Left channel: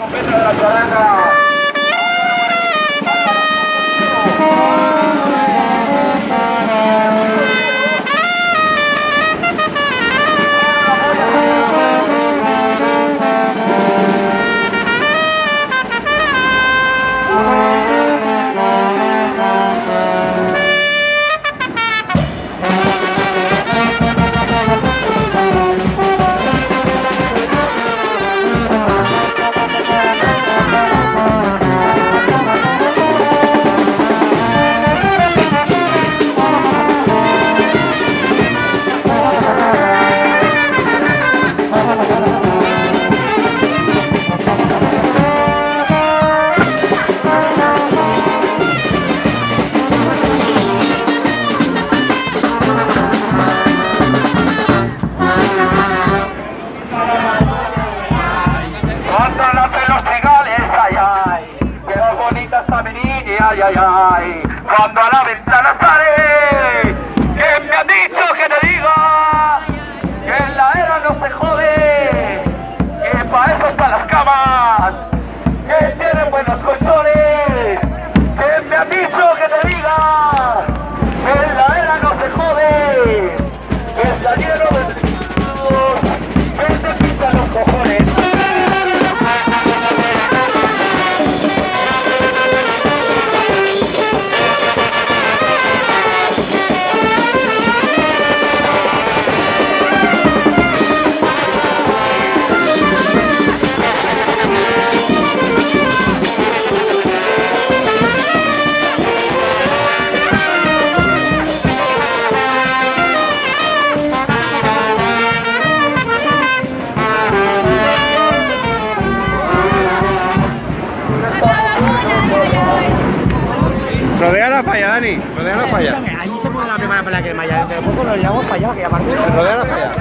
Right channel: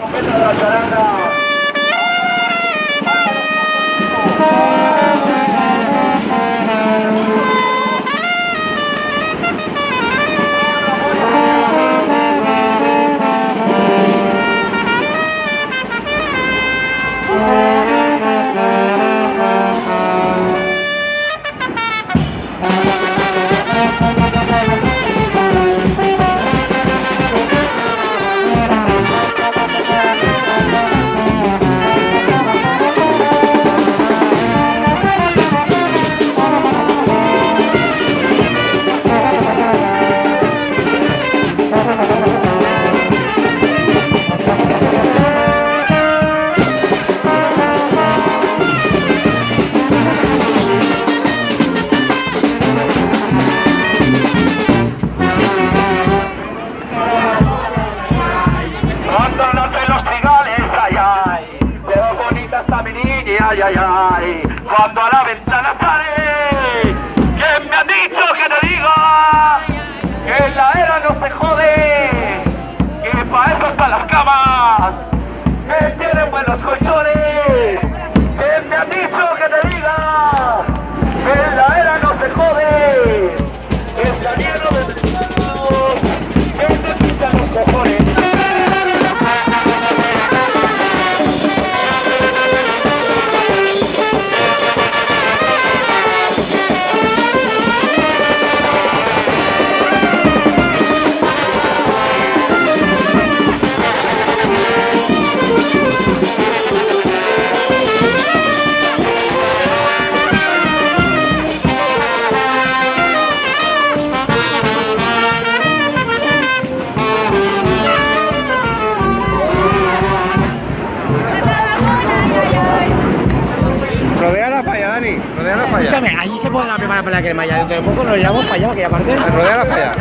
Trompeta de la charanga. Ay, ay, ay, cuando a la ventana sale, ¿quién me ha dicho que te diga que en la era no se jode, que para eso están las camas, que tienen buenos colchones? ¿Quién me ha dicho que te diga que en la era no se jode, que está lleno de vestidos, que te pintan los cojones? Rodea la falla, Dani. Rodea la falla. Escúchame, allí se pone la primera para la crema. Ya de poco nos llevamos para allá, que aparte. Rodea la falla.